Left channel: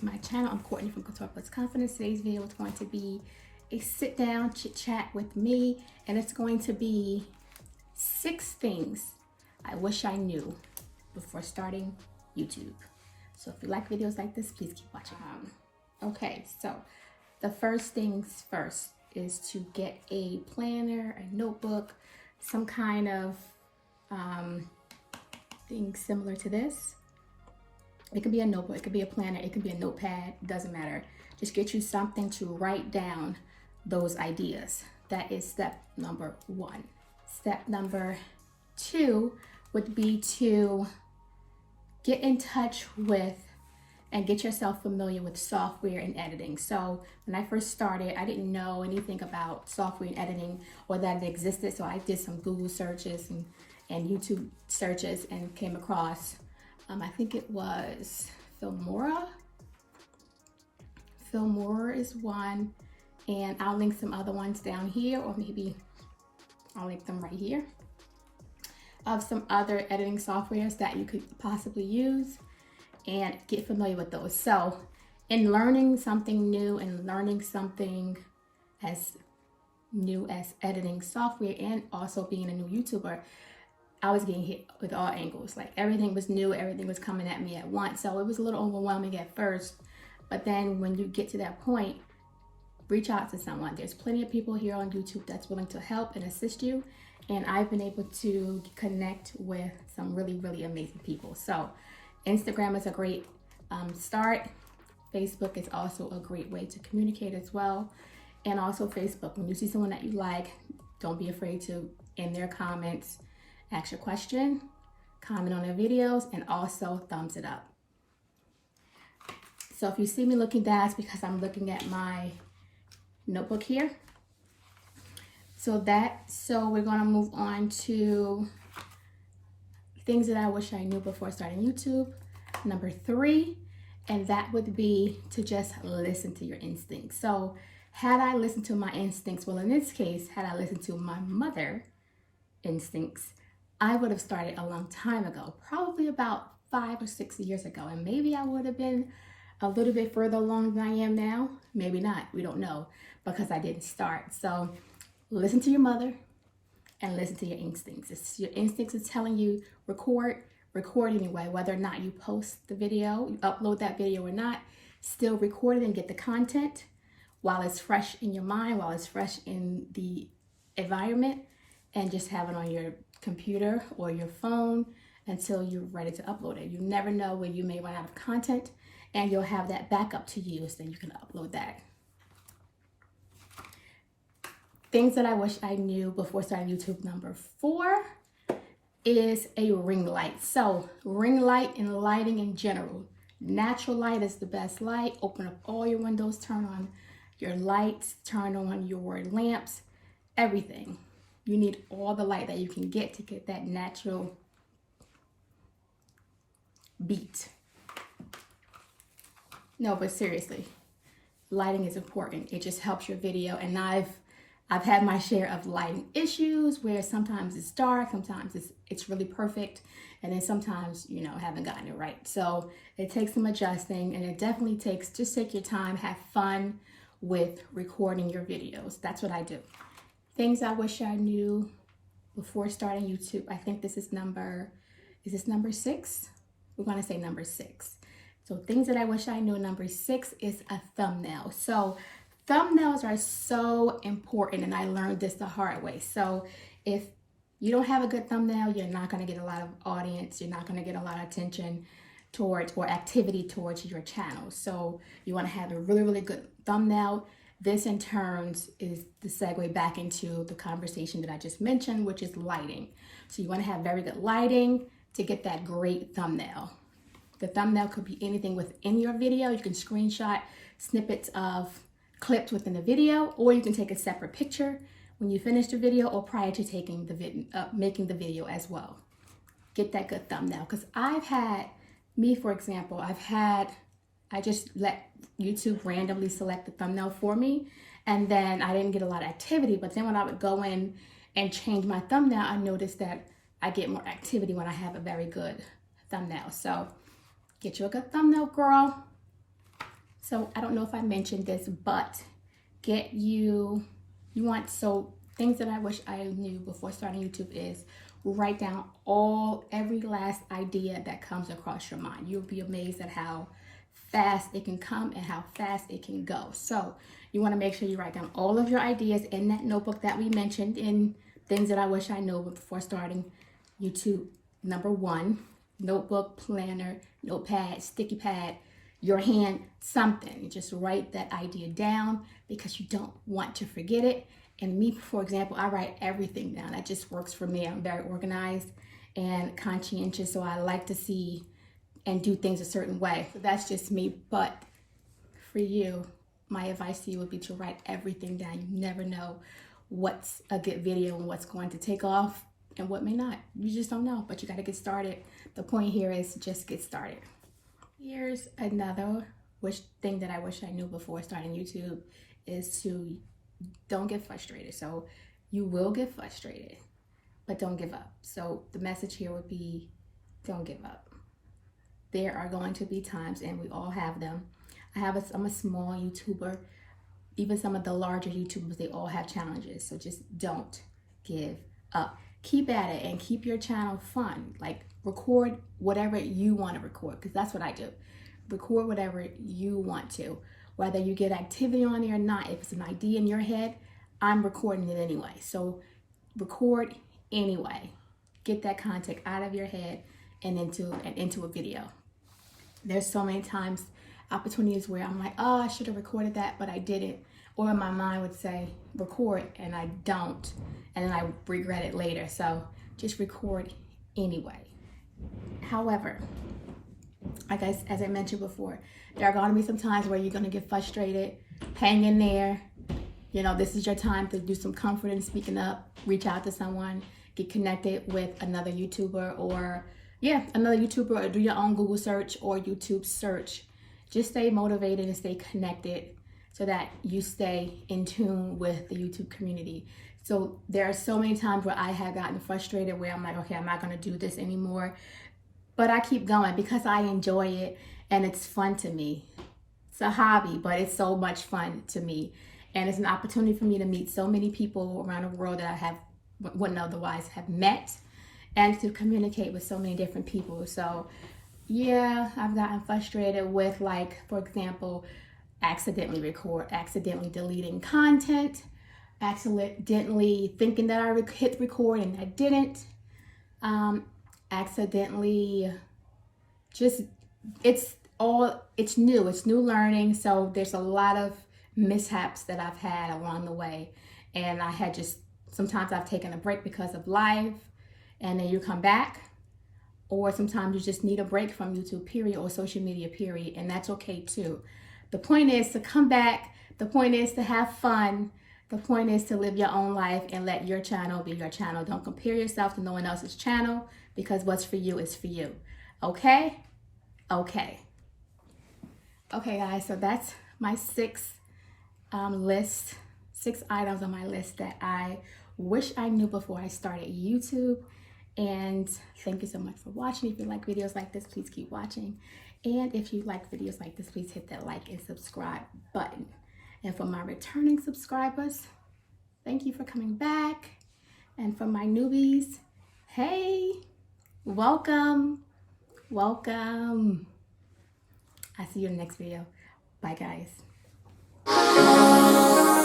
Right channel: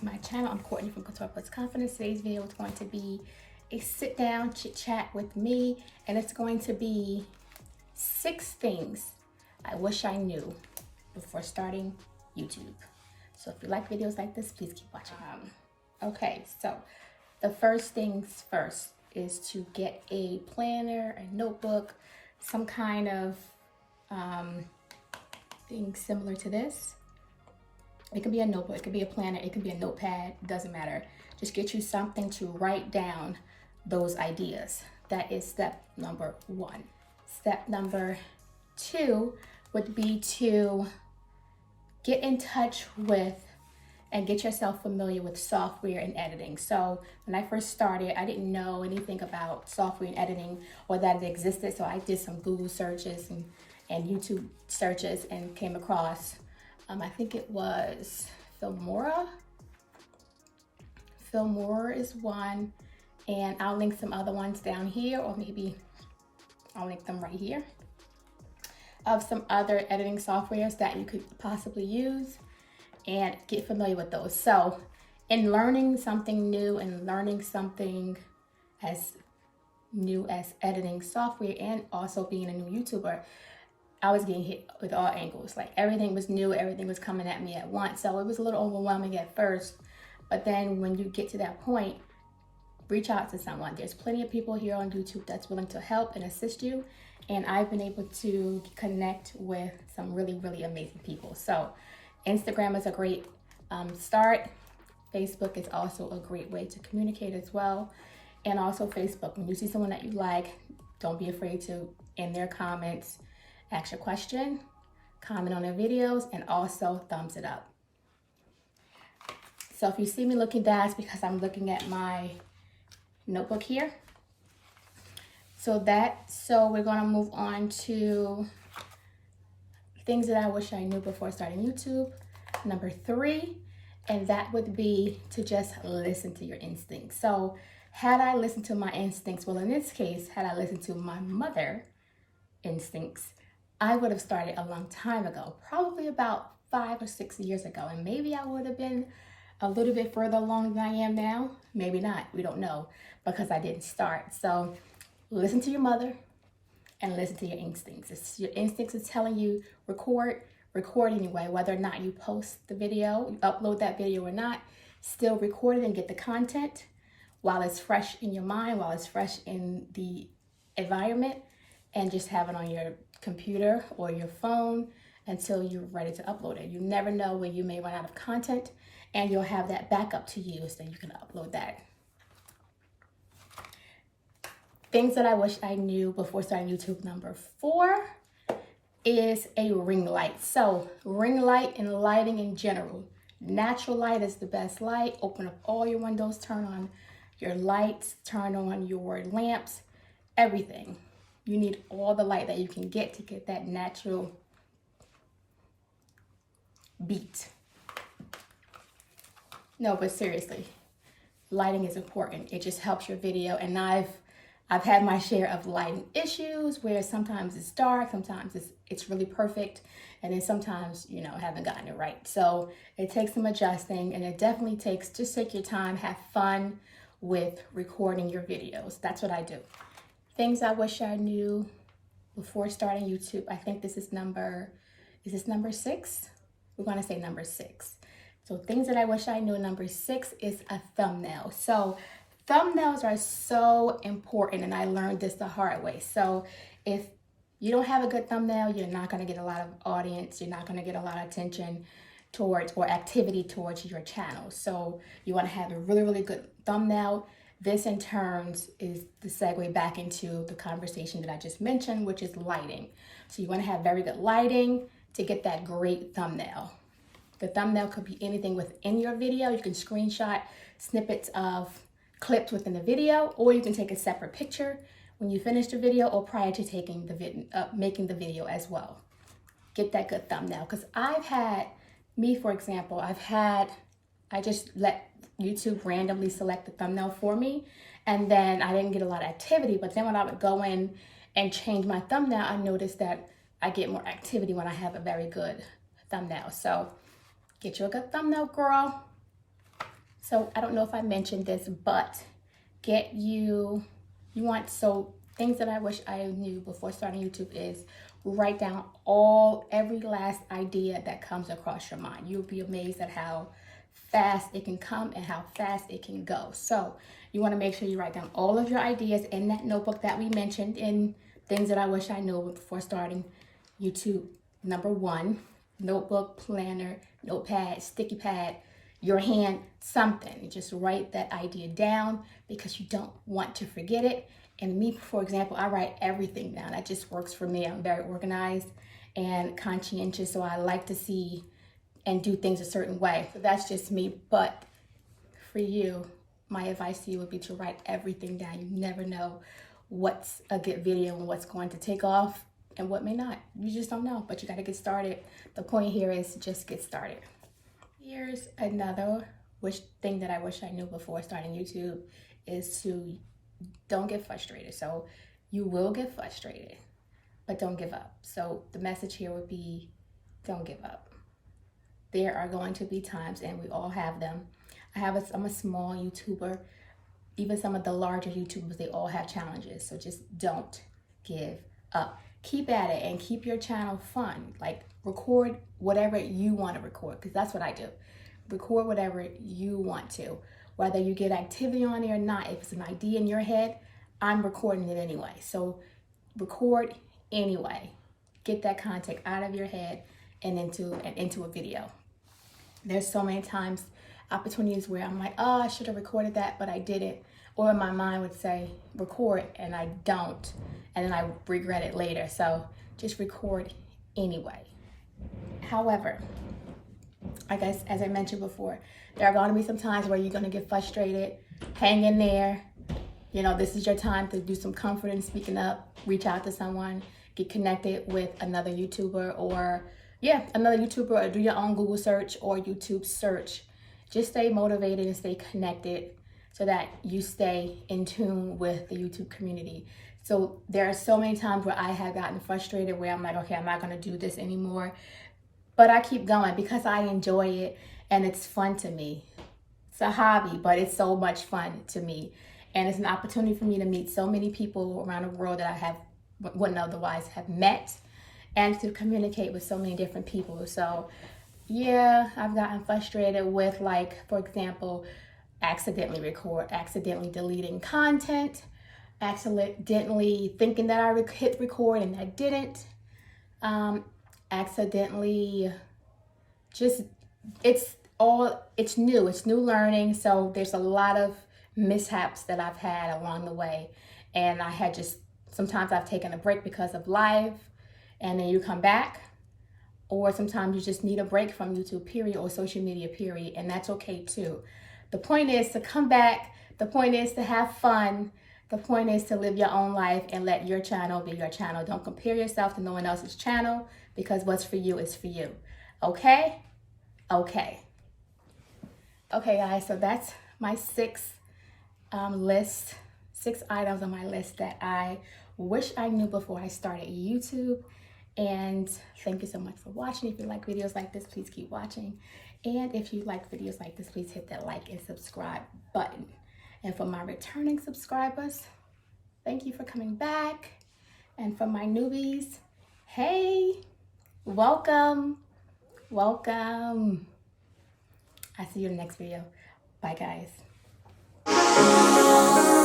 to my channel. I'm Courtney from CoutourplusConfidence. Today's video is going to be a sit down chit chat with me, and it's going to be 6 things I wish I knew before starting YouTube. So if you like videos like this, please keep watching. Okay, so the first things first is to get a planner, a notebook, some kind of thing similar to this. It could be a notebook, it could be a planner, it could be a notepad, doesn't matter. Just get you something to write down those ideas. That is step number 1. Step number 2 would be to get in touch with and get yourself familiar with software and editing. So when I first started, I didn't know anything about software and editing or that it existed. So I did some Google searches and YouTube searches and came across, I think it was Filmora. Filmora is one, and I'll link some other ones down here, or maybe I'll link them right here, of some other editing softwares that you could possibly use and get familiar with those. So in learning something new and learning something as new as editing software and also being a new YouTuber, I was getting hit with all angles. Like everything was new, everything was coming at me at once. So it was a little overwhelming at first, but then when you get to that point, reach out to someone. There's plenty of people here on YouTube that's willing to help and assist you. And I've been able to connect with some really, really amazing people. So Instagram is a great start. Facebook is also a great way to communicate as well. And also Facebook, when you see someone that you like, don't be afraid to, in their comments, ask your question, comment on their videos, and also thumbs it up. So if you see me looking down, it's because I'm looking at my notebook here. So we're gonna move on to things that I wish I knew before starting YouTube. Number 3, and that would be to just listen to your instincts. So had I listened to my instincts, well, in this case, had I listened to my mother's instincts, I would have started a long time ago, probably about 5 or 6 years ago. And maybe I would have been a little bit further along than I am now. Maybe not, we don't know, because I didn't start. So listen to your mother and listen to your instincts. If your instincts is telling you record anyway, whether or not you post the video, you upload that video or not, still record it and get the content while it's fresh in your mind, while it's fresh in the environment, and just have it on your computer or your phone until you're ready to upload it. You never know when you may run out of content, and you'll have that backup to use, so you can upload that. Things that I wish I knew before starting YouTube. Number 4 is a ring light. So ring light and lighting in general. Natural light is the best light. Open up all your windows, turn on your lights, turn on your lamps, everything. You need all the light that you can get to get that natural beat. No, but seriously, lighting is important. It just helps your video. And I've had my share of lighting issues where sometimes it's dark, sometimes it's really perfect, and then sometimes, you know, haven't gotten it right. So it takes some adjusting, and it definitely takes, just take your time, have fun with recording your videos. That's what I do. Things I wish I knew before starting YouTube. I think this is number 6? We're gonna say number 6. So things that I wish I knew, number 6 is a thumbnail. So thumbnails are so important, and I learned this the hard way. So if you don't have a good thumbnail, you're not gonna get a lot of audience, you're not gonna get a lot of attention towards or activity towards your channel. So you wanna have a really, really good thumbnail. This in turns is the segue back into the conversation that I just mentioned, which is lighting. So you wanna have very good lighting to get that great thumbnail. The thumbnail could be anything within your video. You can screenshot snippets of clips within the video, or you can take a separate picture when you finish the video or prior to taking the making the video as well. Get that good thumbnail, because for example, I just let YouTube randomly select the thumbnail for me, and then I didn't get a lot of activity. But then when I would go in and change my thumbnail, I noticed that I get more activity when I have a very good thumbnail. So get you a good thumbnail, girl. So I don't know if I mentioned this, but things that I wish I knew before starting YouTube is write down every last idea that comes across your mind. You'll be amazed at how fast it can come and how fast it can go. So you want to make sure you write down all of your ideas in that notebook that we mentioned in things that I wish I knew before starting YouTube. Number 1, notebook, planner, notepad, sticky pad, your hand, something. Just write that idea down because you don't want to forget it. And me, for example, I write everything down. That just works for me. I'm very organized and conscientious, so I like to see and do things a certain way. So that's just me. But for you, my advice to you would be to write everything down. You never know what's a good video and what's going to take off and what may not. You just don't know, but you got to get started. The point here is just get started. Here's another thing that I wish I knew before starting YouTube is to don't get frustrated. So you will get frustrated, but don't give up. So the message here would be don't give up. There are going to be times, and we all have them. I'm a small YouTuber. Even some of the larger YouTubers, they all have challenges. So just don't give up. Keep at it and keep your channel fun. Like record whatever you want to record, because that's what I do. Record whatever you want to. Whether you get activity on there or not, if it's an idea in your head, I'm recording it anyway. So record anyway. Get that content out of your head and into a video. There's so many times, opportunities where I'm like, oh, I should have recorded that, but I didn't. Or my mind would say, record, and I don't. And then I regret it later. So just record anyway. However, as I mentioned before, there are going to be some times where you're going to get frustrated. Hang in there. You know, this is your time to do some comfort in speaking up. Reach out to someone. Get connected with another YouTuber or do your own Google search or YouTube search. Just stay motivated and stay connected so that you stay in tune with the YouTube community. So there are so many times where I have gotten frustrated where I'm like, okay, I'm not going to do this anymore. But I keep going because I enjoy it and it's fun to me. It's a hobby, but it's so much fun to me. And it's an opportunity for me to meet so many people around the world that I wouldn't otherwise have met, and to communicate with so many different people. So yeah, I've gotten frustrated with, like, for example, accidentally deleting content, accidentally thinking that I hit record and I didn't, accidentally it's new learning. So there's a lot of mishaps that I've had along the way, and sometimes I've taken a break because of life, and then you come back, or sometimes you just need a break from YouTube period or social media period, and that's okay too. The point is to come back. The point is to have fun. The point is to live your own life and let your channel be your channel. Don't compare yourself to no one else's channel, because what's for you is for you. Okay? Okay, guys, so that's my 6 items on my list that I wish I knew before I started YouTube. And thank you so much for watching. If you like videos like this, please keep watching. And if you like videos like this, please hit that like and subscribe button. And for my returning subscribers, thank you for coming back. And for my newbies, hey, welcome. I'll see you in the next video. Bye, guys.